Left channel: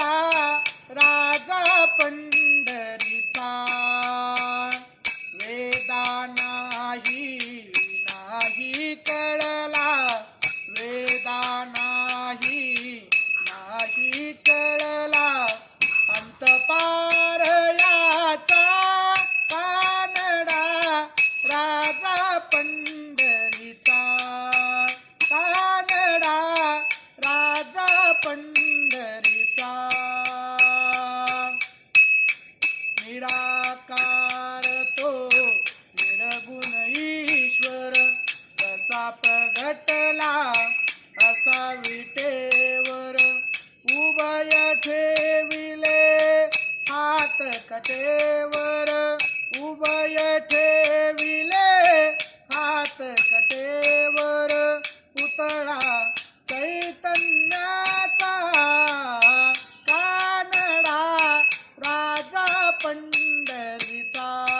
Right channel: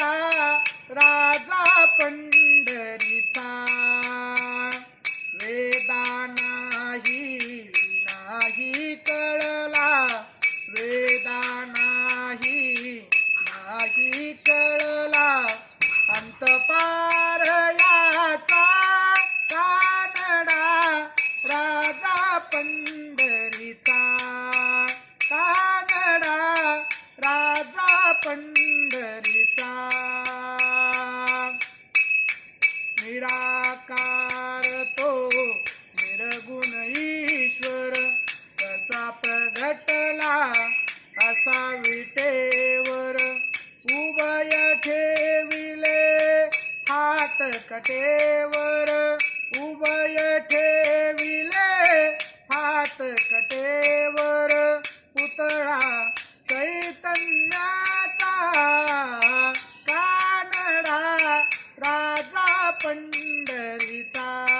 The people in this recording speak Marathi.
पण राजा पंढरीचा. नाही कळला. कळला. कानडा राजा पंढरीचा. कानडा राजा निराकार तो निर्गुण ईश्वर कसा प्रगटला असा विटेवर उभय ठेविले हात कटेवर.